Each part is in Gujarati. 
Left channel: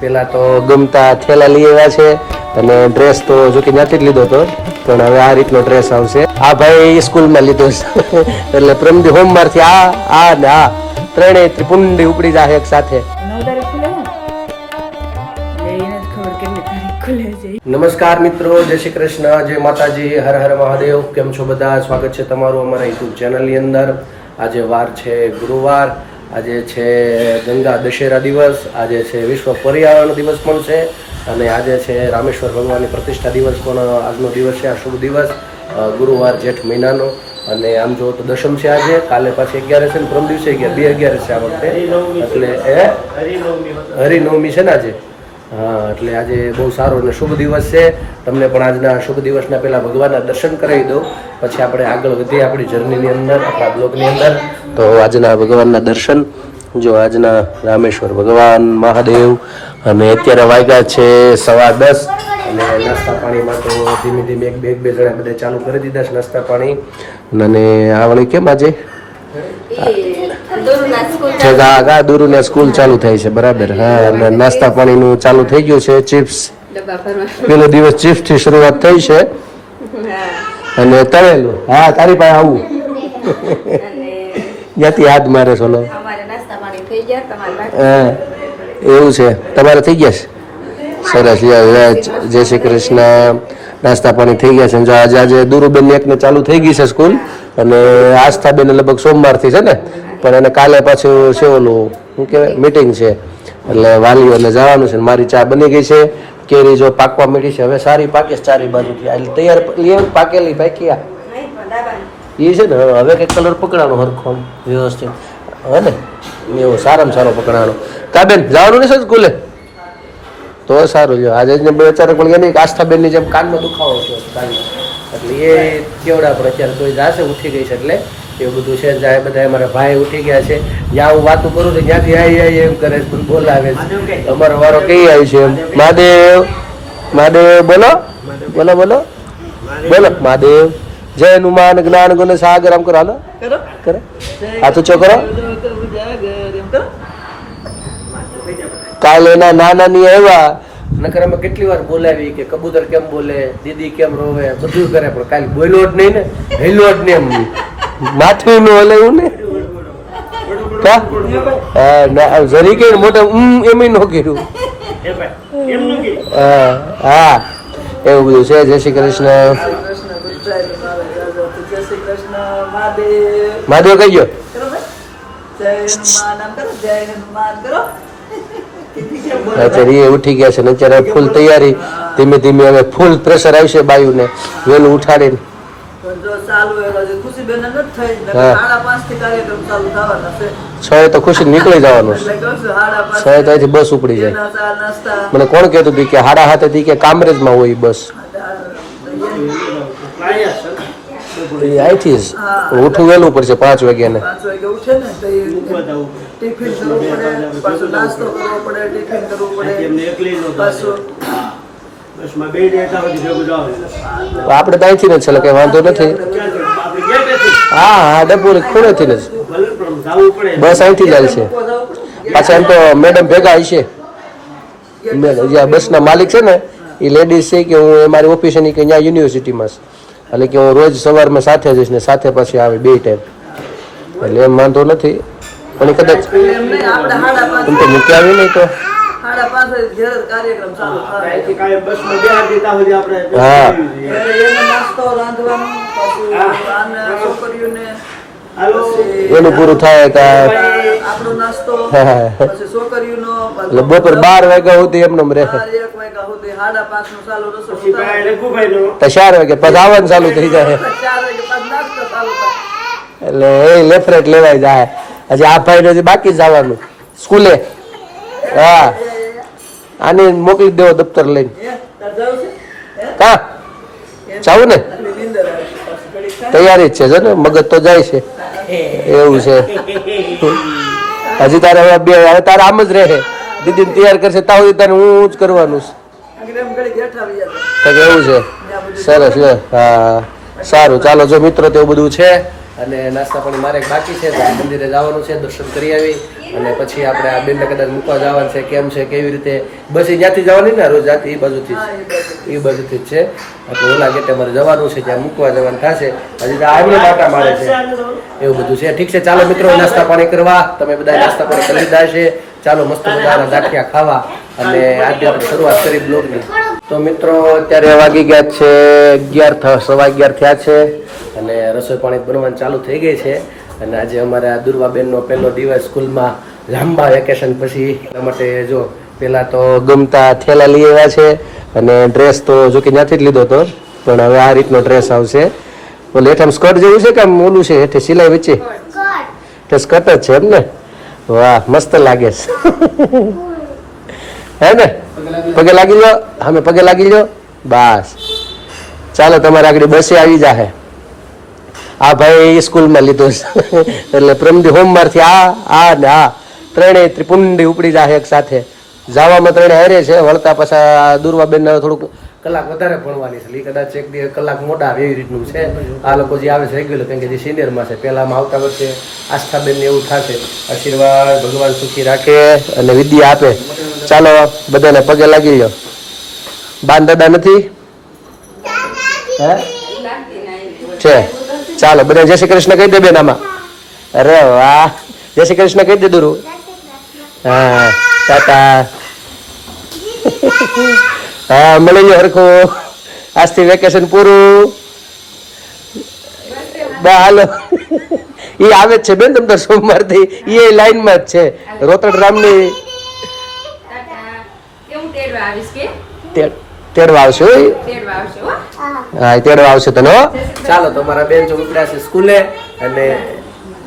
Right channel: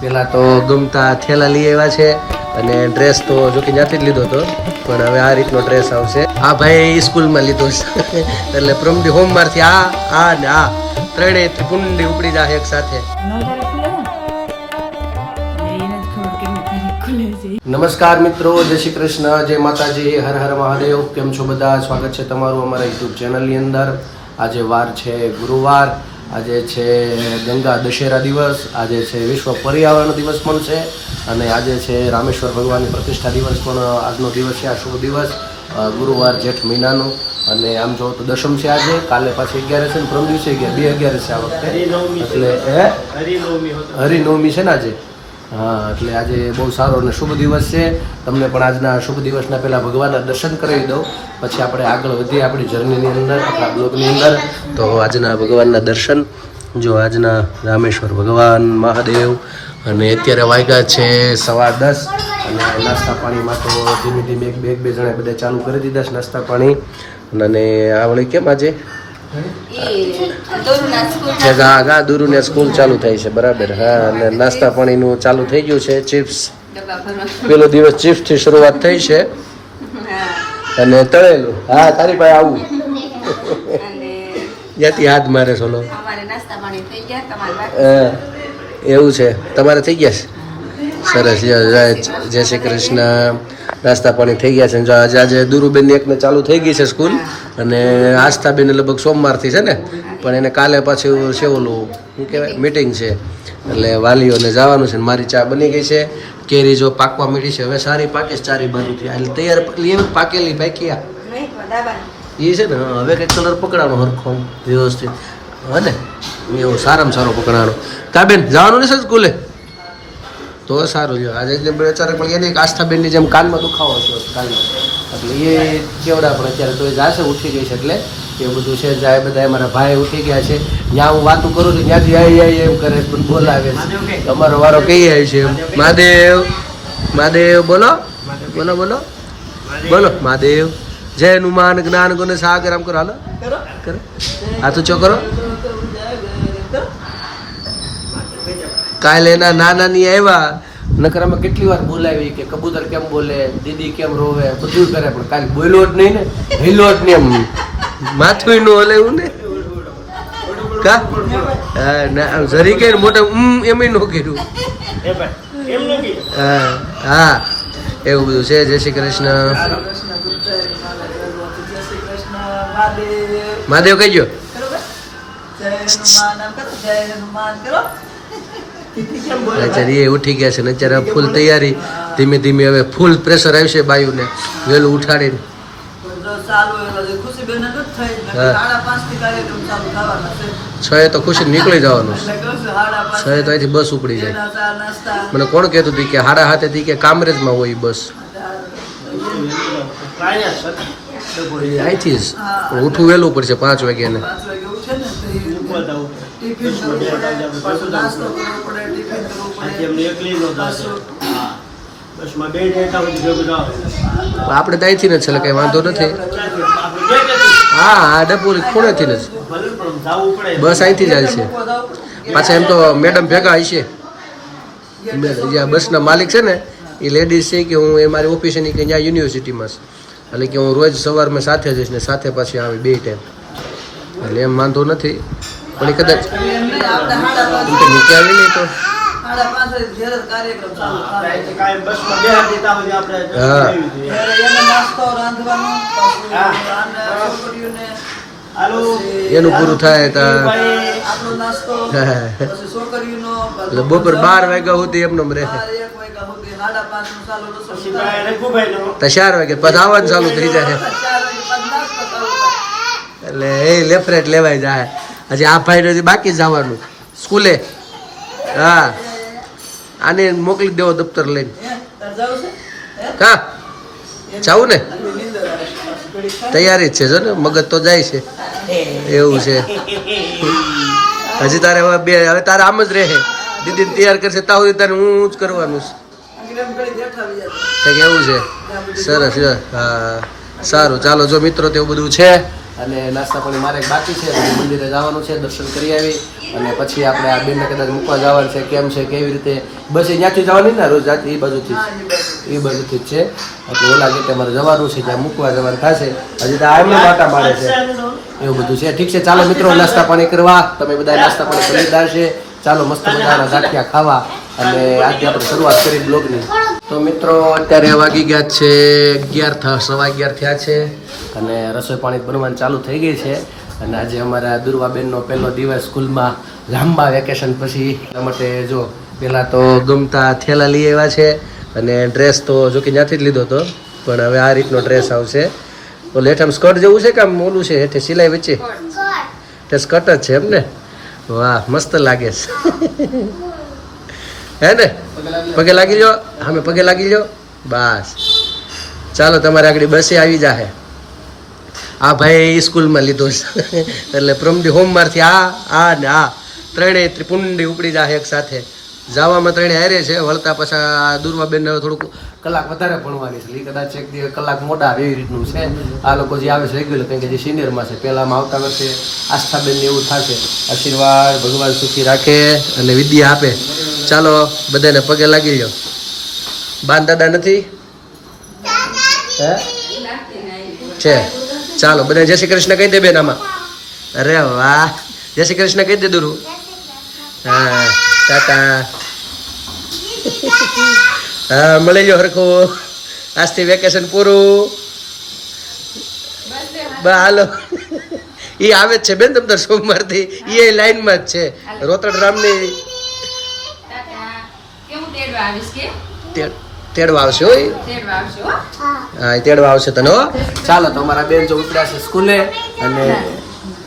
પેલા તો ગમતા થેલા લઈ આવ્યા છે અને ડ્રેસ તો જો કે નથી જ લીધો હતો, પણ હવે આ રીતનો ડ્રેસ આવશે. આ ભાઈ સ્કૂલમાં લીધો છે એટલે પ્રમદી હોમવારથી આ ને આ ત્રણેય કુંડી ઉપડી જાય એક સાથે. નમસ્કાર મિત્રો, જય શ્રી કૃષ્ણ, જય માતાજી, હર હર મહાદેવ. કેમ છો બધા? સ્વાગત છે તમારું અમારા યુટ્યુબ ચેનલની અંદર. આજે વાર છે ગુરુવાર, આજે છે ગંગા દશેરા દિવસ, આજે છે વિશ્વ પર્યાવરણ દિવસ પણ છે અને આજે છે રામેશ્વર ભગવાનની પ્રતિષ્ઠા દિવસ પણ આજનો દિવસ છે. આ શુભ દિવસ ગુરુવાર જેઠ મહિનાનો અને આમ જો તો દશમ છે આજે. કાલે પાછી 11 છે ને પ્રમ દિવસે 11 છે આ વખતે, એટલે હરિનવમી છે ને આજે. હા, એટલે આજે બહુ સારો અને શુભ દિવસ છે. તમને પણ આજના શુભ દિવસના પહેલાં ભગવાનના દર્શન કરાવી દઉં, પછી આપણે આગળ વધીએ આપણી જર્નીની અંદર, આપણા બ્લોગની અંદર. તો આજના ભગવાનના દર્શન જો, આજના રામેશ્વર ભગવાન મહાદેવ. અને અત્યારે વાગ્યા છે 10:15 અને નાસ્તા પાણીમાં તો ધીમે ધીમે બે જણા બધા ચાલુ કરી દીધા છે નાસ્તા પાણી. અને આવડે કેમ આજે દોરુના સ્કૂલ ચાલુ થાય છે, બરાબર. હા, નાસ્તા પાણીનું ચાલુ થઈ ગયું છે. ચિપ્સ પેલો દિવસ ચિપ્સ થી શરૂઆત થઈ છે અને તળેલું. હા, તારી પાસે આવું ત્યાંથી હાથ મારે સોલો. હા, એવું છે, તમારે થઈ ગયા છે? સરસ, જય શ્રી કૃષ્ણ. નાસ્તા પાણી થઈ ગયા છે. જો આજે દુરુબેન એકને ચાલુ થઈ ગઈ છે સ્કૂલ અને આસ્થાબેન લગભગ સોમવારથી છે ને, પણ એને કાલે પાછું છે ઓલું શું કહેવાય મીટિંગ છે, એટલે વાલીઓને જવાનું છે. મારી ચા બની ગઈ છે, કેરી જો પાકવા માંડી છે, હવે સારી પાકે છે ચારે બાજુથી, એટલે તૈયાર પાકેલી પાકી આ એ છે ને. હવે કંઈક કલર પકડાણો હરખો વ્યવસ્થિત હવે ને, એવું સારામાં સારો પકડાણો. કા બેન જવાનું નહીં સ્કૂલે? તો સારું. જો આજે અચાનક પણ એની આસ્થાબેનની જેમ કાનમાં દુખાવો છે કાનમાં, એટલે એ કેવડા પણ અત્યારે તો જાશે, ઉઠી ગઈ છે એટલે એવું બધું છે. જાય બધા અમારા ભાઈ ઉઠી ગયા છે. જ્યાં હું વાતું કરું છું ત્યાંથી આવી એમ કરે છે, બોલાવે છે. અમારો વારો કઈ આવ્યું છે એમ. મહાદેવ મહાદેવ બોલો બોલો બોલો બોલો. મહાદેવ જય હનુમાન જ્ઞાન ગુણ સાગર. આમ કરો, હાલો કરો, હાથ ઊંચો કરો. કાલે એના નાની આવ્યા, નકર અમે કેટલી વાર બોલાવી કે કબૂતર કેમ બોલે, દીદી કેમ રોવે, બધું કરે, પણ કાલે બોલ્યો જ નહીં ને, હેલો જ નહીં, એમ માથું નું હલે ને કા. હા, જરી કે મોટા એમ ન કર્યું. હા હા, એવું બધું છે. જય શ્રી કૃષ્ણ. મહાદેવ કઈ ગયો? અત્યારે એ ઉઠી ગયા છે ને અત્યારે ફૂલ તૈયારી. ધીમે ધીમે હવે ફૂલ પ્રેશર આવશે બાયુને વહેલું ઉઠાડીને. છ તો ખુશી નીકળી જવાનું. છ તો અહીંથી બસ ઉપડી જાય. મને કોણ કહેતું હતું કે 7:30 કે કામરેજમાં હોય બસ. અહીંથી જ ઉઠવું વહેલું પડશે 5 વાગ્યાને. આપણે તો અહીંથી ને છે, કઈ વાંધો નથી. હા હા, ડબોરી ખૂણેથી જ બસ અહીંથી જાય છે. પાછા એમ તો મેડમ ભેગા હશે, જ્યાં બસના માલિક છે ને એ લેડીઝ છે કે હું એ મારી ઓફિસ ની કે ત્યાં યુનિવર્સિટીમાં છે, એટલે કે હું રોજ સવારમાં સાથે જઈશ ને સાથે પછી આવે 2 ટાઈમ, એટલે એમ વાંધો નથી. પણ કદાચ એમ તો મૂકી આવી નહીં તો હા એનું પૂરું થાય એટલે બપોર 12 વાગ્યા સુધી એમને રહે. તો 4 વાગે પછી આવવાનું ચાલુ થઈ જાય, એટલે એ લેફ્ટ લેવાય જાય. હજી આ ભાઈ હજી બાકી જવાનું સ્કૂલે. હા, આને મોકલી દેવો દફતર લઈને. કા જાવું ને? તૈયારી જ છે જો ને, મગજ તો જાય છે. એવું છે. હજી તારે હવે તારે આમ જ રહે, દીદીને તૈયાર કરશે ત્યાં સુધી તારે હું જ કરવાનું છે. એવું છે, સરસ. હા સારું, ચાલો જો મિત્રો તેવું બધું છે. અને નાસ્તા પાણી મારે એક બાકી છે, પછી મંદિરે જવાનું છે, દર્શન કરી આવી અને પછી આપણે આ બેનને કદાચ મૂકવા જવાનું છે. કેમ છે કેવી રીતે બસ એ ત્યાંથી જવાની ને રોજ જાતી એ બાજુથી જ છે. એટલે ઓલા ગેટે મારે જવાનું છે, ત્યાં મૂકવા જવાનું થશે. હજી તો આવીને બાટા મારે છે, એવું બધું છે. ઠીક છે, ચાલો મિત્રો નાસ્તા પાણી કરવા. તમે બધા નાસ્તા પાણી કરી લીધા છે. ચાલો મસ્ત મજાના ગાંઠિયા ખાવા અને આજે આપણે શરૂઆત કરી બ્લોગની. તો મિત્રો અત્યારે વાગી ગયા છે 11, સવા 11 થયા છે અને રસોઈ પાણી બનવાનું ચાલુ થઈ ગઈ છે. અને આજે અમારા દુર્વાબેનનો પહેલો દિવસ સ્કૂલમાં લાંબા વેકેશન પછી. એના માટે જો પહેલાં તો ગમતા થેલા લઈ આવ્યા છે અને ડ્રેસ તો જો કે ત્યાંથી જ લીધો હતો, પણ હવે આ રીતનો ડ્રેસ આવશે. ઓલે હેઠળ સ્કર્ટ જેવું છે કે આમ ઓલું છે હેઠે સિલાઈ વચ્ચે? તે સ્કર્ટ જ છે એમ ને? વાહ, મસ્ત લાગે છે. હે ને? પગે લાગી લો, અમે પગે લાગી લો. બસ ચાલો, તમારે આગળ બસે આવી જાહે. આ ભાઈ સ્કૂલમાં લીધો છે એટલે પ્રમદી હોમવારથી આ ને આ ત્રણેય ત્રિપુંડી ઉપડી જાય એક સાથે. જવામાં ત્રણે હારે છે, વળતા પાછા દુર્વાબેનને થોડુંક કલાક વધારે ભણવાની છે. કદાચ એક દિવસ કલાક મોડા એવી રીતનું છે. આ લોકો જે આવે છે રેગ્યુલર, કારણ કે જે સિનિયરમાં છે. પહેલામાં આવતા વર્ષે આસ્થાબેનને એવું થશે. આશીર્વાદ ભગવાન સુખી રાખે અને વિદ્યા આપે. ચાલો બધાને પગે લાગી લો. બાન દાદા નથી છે? ચાલો બધા જય શ્રી કૃષ્ણ કહી દે બેન આમાં. અરે વાહ, જય શ્રી કૃષ્ણ કહી દે દુરુ. હા ટાટા. હા મળી લો હરખું. આજથી વેકેશન પૂરું. બા હાલો. એ આવે જ છે બેન તમ તાર સોમવારથી. એ લાઈનમાં જ છે રોતડ રામની. તેડવા આવશે. હા તેડવા આવશે તને. ચાલો તો અમારા બેન જો ઉપડ્યા છે સ્કૂલે અને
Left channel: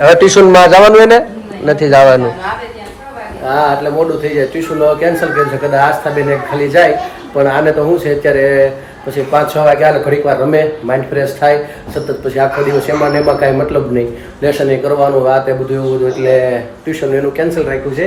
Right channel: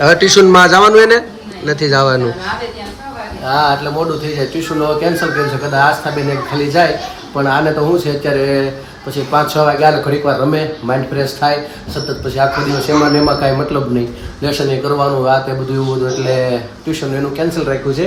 હવે ટ્યુશનમાં જવાનું એને નથી જવાનું. હા એટલે મોડું થઈ જાય. ટ્યુશન કેન્સલ કરી છે. કદાચ આસ્થાબેન ખાલી જાય, પણ આને તો શું છે અત્યારે પછી 5-6 વાગ્યા ઘડીક વાર રમે, માઇન્ડ ફ્રેશ થાય. સતત પછી આખો દિવસ એમાં ને એમાં કાંઈ મતલબ નહીં. લેસન એ કરવાનું આ તે બધું એવું બધું, એટલે ટ્યુશન એનું કેન્સલ રાખ્યું છે.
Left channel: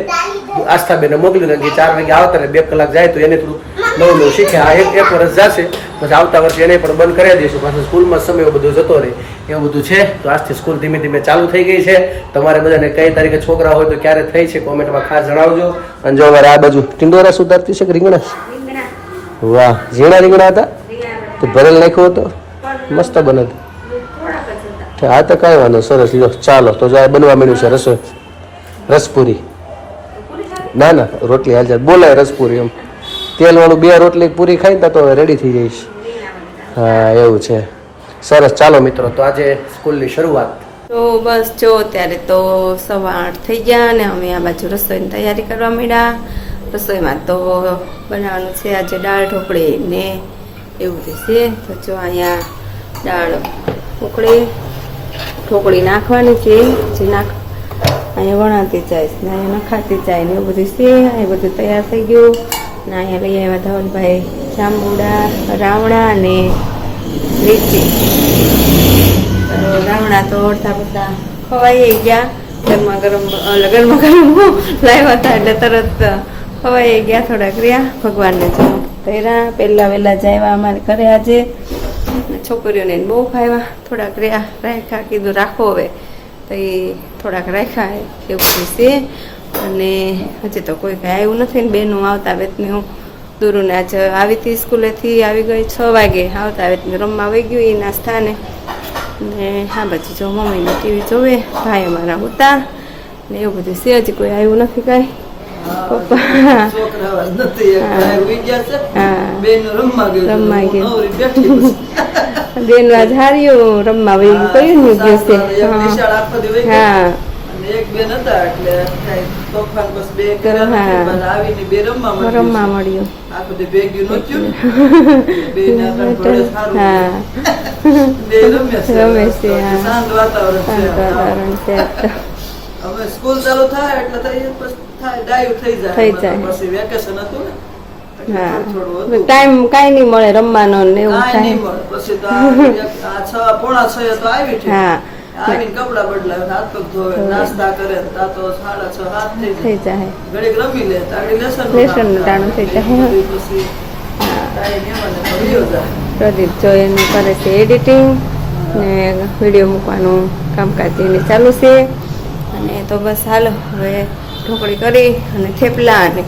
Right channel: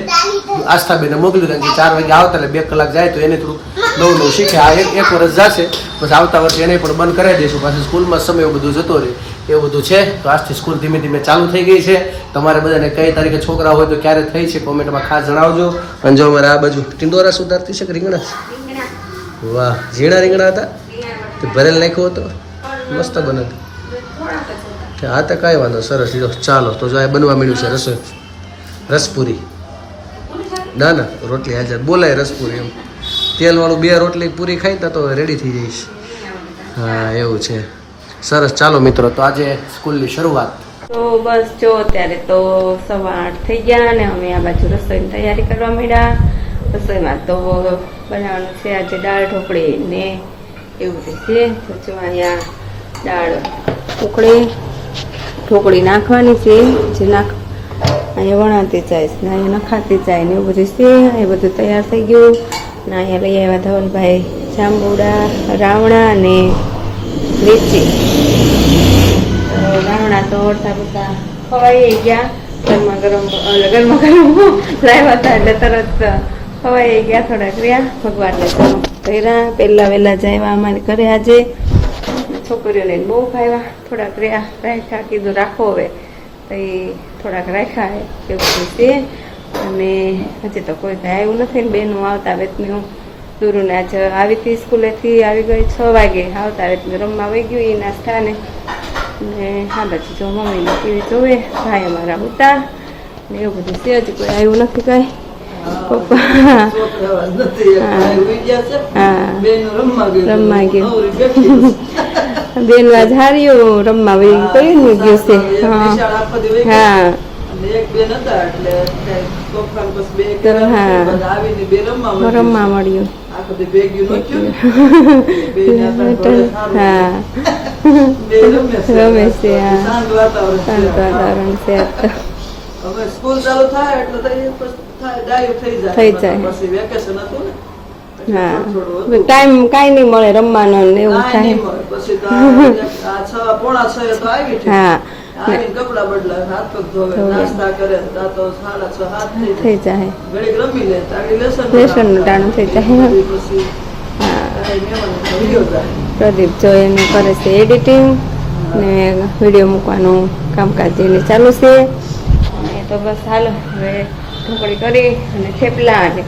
આસ્થાબેને મોકલ્યું કારણ કે 4 વાગે આવતા એટલે 2 કલાક જાય તો એને થોડું નવું શીખે. આ એક વર્ષ જશે પછી આવતા વર્ષે એને પણ બંધ કરાવી દઈશું. પાછું સ્કૂલમાં સમય એવું બધું જતો રહે એવું બધું છે. તો આજથી સ્કૂલ ધીમે ધીમે ચાલુ થઈ ગઈ છે. તમારે બધાને કઈ તારીખે છોકરા હોય તો ક્યારે થઈ છે કોમેન્ટમાં ખાસ જણાવજો. અને જો અમારે આ બાજુ ટિંડોરા સુધારતી છે કે રીંગણા? વાહ, ઝીણા રીંગણા હતા તો ભરેલ નાખ્યો હતો, મસ્ત બને. હા તો કાંઈ વાંધો, સરસ. જો ચાલો તો જો બનવા માંડ્યું છે રસોઈ. રસપુરી ના ના રોટલી હાજર બોલાય રસપુરી. એમ તેલવાળું 2 રોટલી પૂરી ખાઈ તો રેડી થઈ જઈશ. હા એવું છે, સરસ. ચાલો મિત્રો તો આજે સ્કૂલની શરૂઆત. તો બસ જો અત્યારે તો 8:15 થઈ ગયા અને અમે આ બાજુ રસોઈની તૈયારી કરવા માંડ્યા. રસોઈમાં તો બનાવવાનું છે આજે દાળ ઢોકળી ને એવું છે. તો જો અહીંયા દાળ ઢોકળી નાખવાની છે. જે અહીંયા વણાતી જાય ને અહીંયા નખાતી જાય ને એવું બધું છે. એ બધું તૈયાર થઈ ગયું. ને અહીંયા લઈ આવ્યા ધવલભાઈ જાંબુડા, રાવણા અને લીચી. રાવણા તો અડધા બધા ખવાઈ ગયા. ગરમા ગરમ લાવ્યા હતા એટલે તરત ખવાઈ ગયા. થોડાક રહ્યા ભગવાનને તો કર્યા. પહેલા વહેલા જાય અમારે ઘરે આજે છોકરીઓને બહુ ખાવ્યા. થોડાક રહ્યા રાખ્યા, કીધું રાખો હવે તો એ થોડાક રાખ્યા એવું છે. અને હજી તો કોઈ ભાઈ આવ્યું નથી ને બેનું આવતા વેતને હું દૂરુને આજે આવી હતી સ્કૂલેથી આવી ગઈ 6 વાગે. આવતા વેતને રમવા વહી ગયું એ નાસ્તા ને હા બાજુ જો મમ્મીને ટીવી જોવે, ભાઈ અમારા ઉતા ને એવું બધું છે જ. કોઈ આવ્યું નથી કઈ. પપ્પા રમવા ગયું. બેન આજ હાર્યું રમવા વહી કયું ને ગયું છે. હા રમવા મળ્યું. રમે છે. શાંત વાતાવરણ છે. હવે સ્કૂલ ચાલુ થાય એટલે થઈ જાય. પછી વેકેશન હતું ને હા ટાઈમ કાઈ નહીં મળે રમવાનો ને એવું થાય. પછી તો 5:45 તો આવી છે. હા આવીને કપડા બદલાવે, હાથ પગ ધોવે, નાસ્તા કરે તો 6:30 થઈ જાય. ઘડીક રમી લે તાડી લેસન ટાણું થઈ જાય. પછી ટાઈમ એમાં ભર્યો જાય. પ્રદીપ જો એનું કરે છે એડિટિંગ. ને વિડીયો મૂકવાનું કામકાજ એને ચાલુ છે. અને તો બસ હાલો હવે ઢોકળી કરી અને થેપલા અને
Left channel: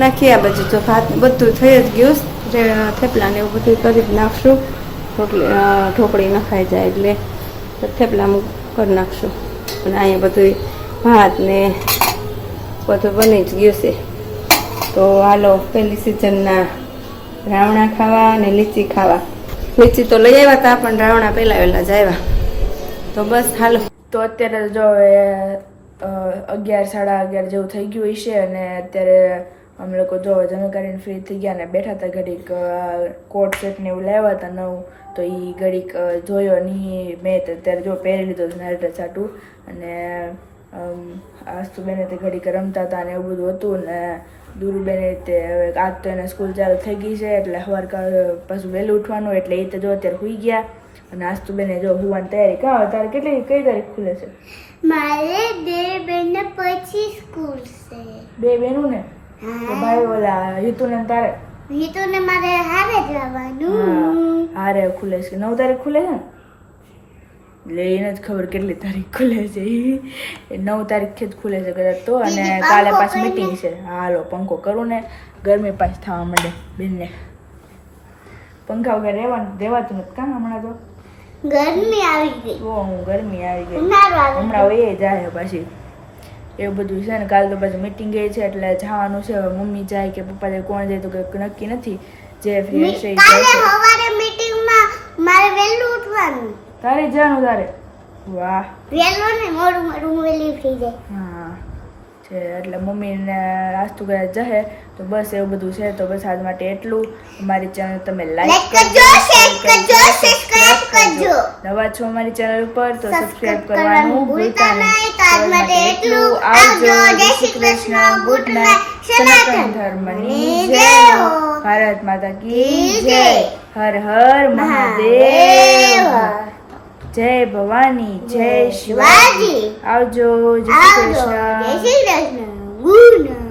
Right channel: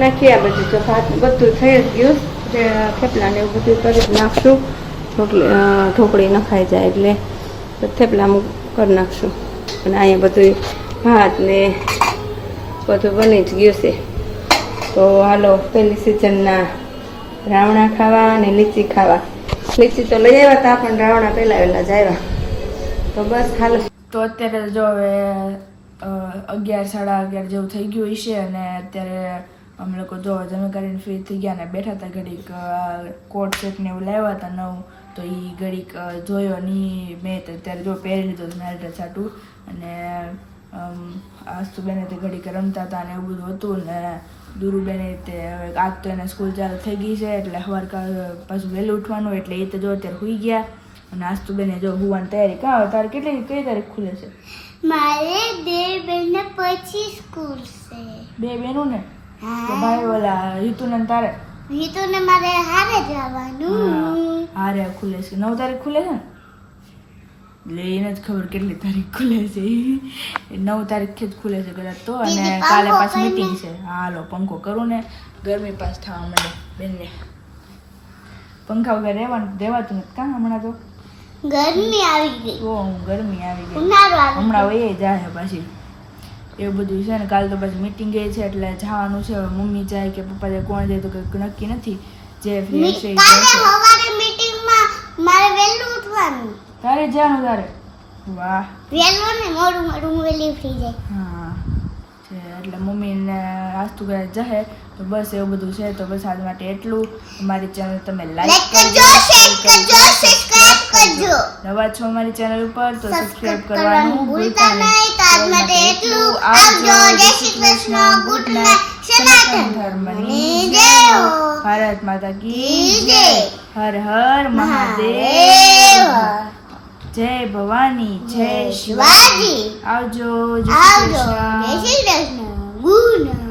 નાખી. આ બધું જો ભાત બધું થઈ જ ગયું. થેપલા ને એવું બધું કરી જ નાખશું. ઢોકળી નખાઈ જાય એટલે થેપલા કરી નાખશું. અને અહીંયા બધું ભાત ને બધું બની જ ગયું છે. તો હાલો પહેલી સિઝનના રાવણા ખાવા અને લીચી ખાવા. લીચી તો લઈ આવ્યા હતા પણ રાવણા પહેલા વહેલા જ આવ્યા. તો બસ હાલો. તો અત્યારે જો હવે 11 સાડા 11 જેવું થઈ ગયું છે અને અત્યારે અમે લોકો જો જમી કરીને ફ્રી થઈ ગયા ને બેઠા હતા. ઘડીક કોટ સેટ ને એવું લાવ્યા હતા નવું, તો એ ઘડીક જોયો નહીં મેં. અત્યારે જો પહેરી લીધો મારી ડ્રેસ આટું. અને આસ્તુબેને તે ઘડીક રમતા હતા ને એવું બધું હતું. ને દુરુબેને તે આજ તો એને સ્કૂલ ચાલુ થઈ ગઈ છે એટલે સવાર પાછું વહેલું ઉઠવાનું એટલે એ તો જો અત્યારે સુઈ ગયા. અને આસ્તુબેને જો હુવાની તૈયારી. કાં તારે કઈ તારીખ ખુલે છે? મારે 2 બહેનો પછી સ્કૂલ છે. 2 બહેનું ને? તો ભાઈ ઓલા રીતુને ને તારે? રીતુને મારે હારે જવાનું. હારે ખુલે છે. 9 તારીખ ખુલે છે ને? એટલે એને જ ખબર કેટલી તારીખ ખુલે છે. એ 9 તારીખથી જ ખુલે છે કદાચ તો. અને કાલે પાછી મીટિંગ છે. હાલો પંખો કરું ને ગરમી પાછી થવા માંડે બેનને. પંખા વગર રહેવાતું નથી કાં હમણાં તો? ગરમી આવી ગઈ. ગરમી આવી ગઈ હમણાં વયે જાય પાછી. એવું બધું છે ને. કાલે તો પાછી મીટિંગ એ છે એટલે જવાનું છે. મમ્મી જાય કે પપ્પા જાય કોણ જાય તો કંઈક નક્કી નથી. જે ફ્રી હશે એ કાલે જશે. સવારે મીટિંગમાં મારે વહેલું ઉઠવાનું. તારે જવાનું તારે? વાહ. વહેલું ને મોડું વહેલી થઈ જાય. હા છે એટલે મમ્મીને નાસ્તું કરે જશે. તો બસ એવું બધું છે. તો બસ આજ માટે એટલું. અમારી ચેનલ તમે લાઈક કરજો, શેર કરજો, સબસ્ક્રાઇબ કરજો. નવા છો અમારી ચેનલ ઉપર તો સબસ્ક્રાઇબ કરવાનું ભૂલતા નહીં. તો આજ માટે એટલું. આવજો. જય શ્રી કૃષ્ણ. Good night. સનાતન ધર્મની જય હો. ભારત માતા કી જય. હર હર મહાદેવ. જય ભવાની. જય શિવાજી. આવજો. જય શ્રી કૃષ્ણ. જય શ્રી કૃષ્ણ. Good night.